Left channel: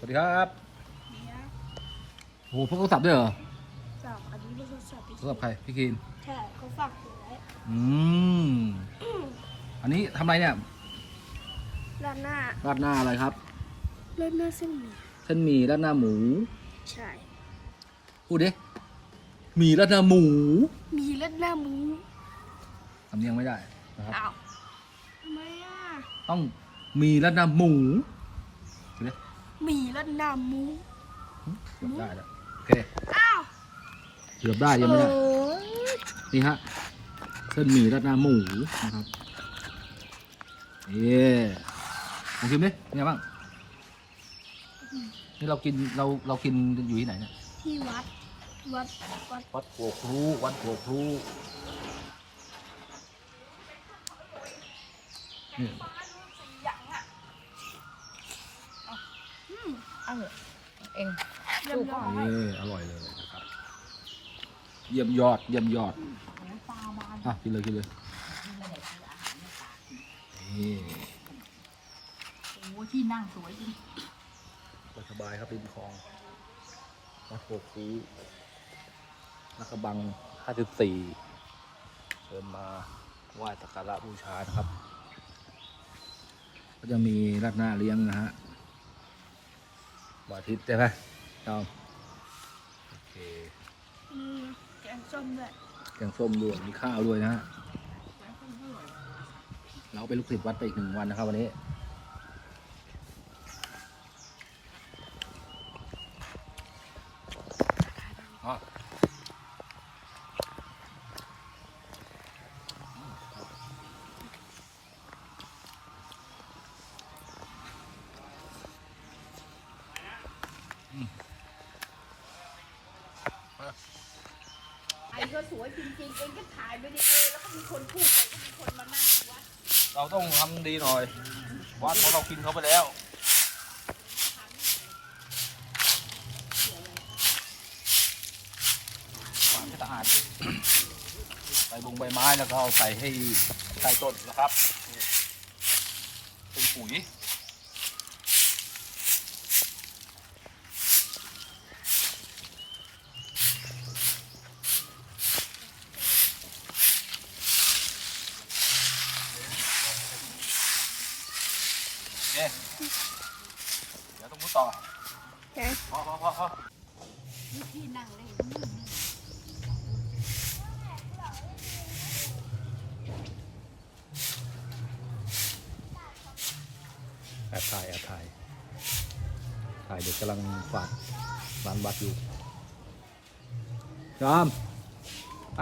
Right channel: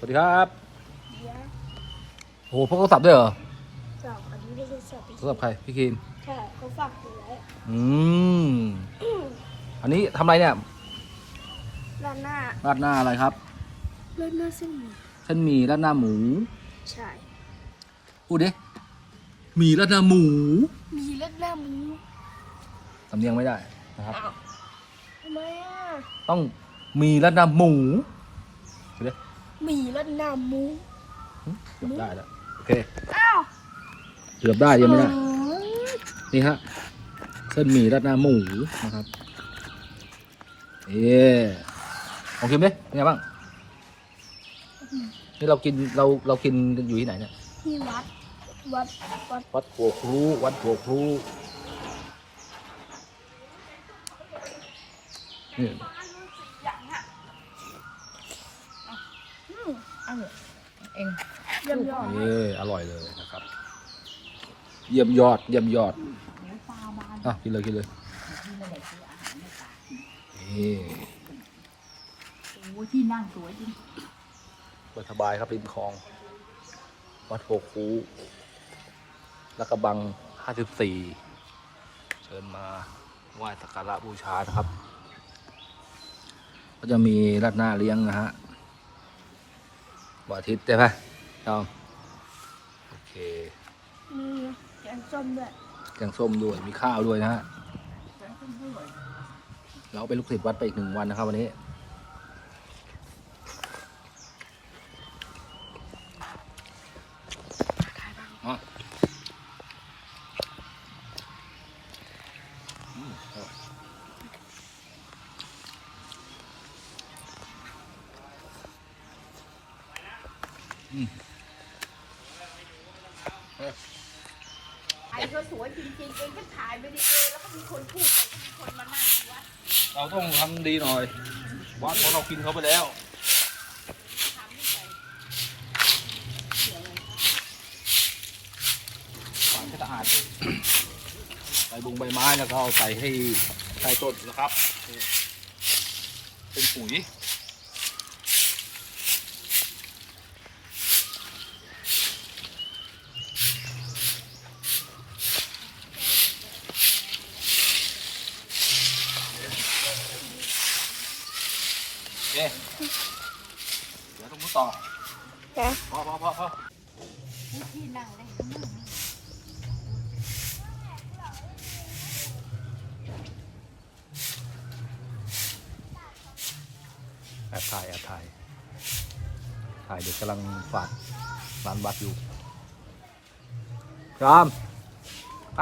วัสดีครับเดี๋ยวโอ้โหพกโทรศัพท์ด้วยเหรอสองอันนี้เป็นโทรศัพท์โทรศัพท์ใครพี่คินใช่เขาฝากอยู่ไว้อืมอันนี้ทำอะไรเนี่ยด้านหน้าราดหน้าอะไรครับด้านหน้าเส้นหมี่เส้นหมี่ราดหน้าหมูใช่พูดดิหมี่ราดหน้าหมูมีด้านหน้าหมูสำเนียงไม่ได้นะครับ อ้าวทำไมอะ ต้องหมีราดหน้าหมูพูด ดิมีด้านหน้าหมู เกือบได้แล้วโอเคอ้าวเกือบได้ยังไม่ได้ เออนี่ฮะเส้นหมี่ราดหน้าหมูนะครับ เอ๊ของคิมดิเป็นไงบ้าง นี่เรากินเราเรากินกันอยู่ที่ไหนเนี่ย ที่วัด วัด วัด วัดหัวครูวัดหัวครูนี่ เองเยี่ยมยอดเอออร่อยเลยนะครับ เยี่ยมยอด เยี่ยมยอดอะกินเลยกินเลยนี่โอ้ที่นั่งสวยจริงสบายครับริมคลอง วัดโพคูและกระบัง 54 เชิญมาไหว้สักการะบูชานะครับ ก็จะมีราดหน้าเลี้ยงนะฮะ วันอาทิตย์ใช่ไหมเอาโอเคอืมแกงส้มด้วยแกงส้มด้วยมีข้าวด้วยนะฮะเราเป็นลูกศิษย์วัดไปอีกหนึ่งวันนะครับวันนี้อะอืมอร่อย เอ้ยไอ้ก็สวยจริงๆเองก็ถ่ายวิดีโอแล้วมีคนพูดเราต้องทำดีหน่อย วัดเพราะเรากินเขาไปแล้วฝานให้สะอาดใบบุงใบไม้แล้วก็เอาใส่ให้ใส่ต้นนะครับ เป็นปุ๋ย เคเดี๋ยวต้องมุดต่อแกพอพอพอพอที่นั่งได้เห็นนั่งนี่แอบถ่ายแอบถ่ายถ่ายเด็กกำลังฝาดร้านวัดอยู่จอมไป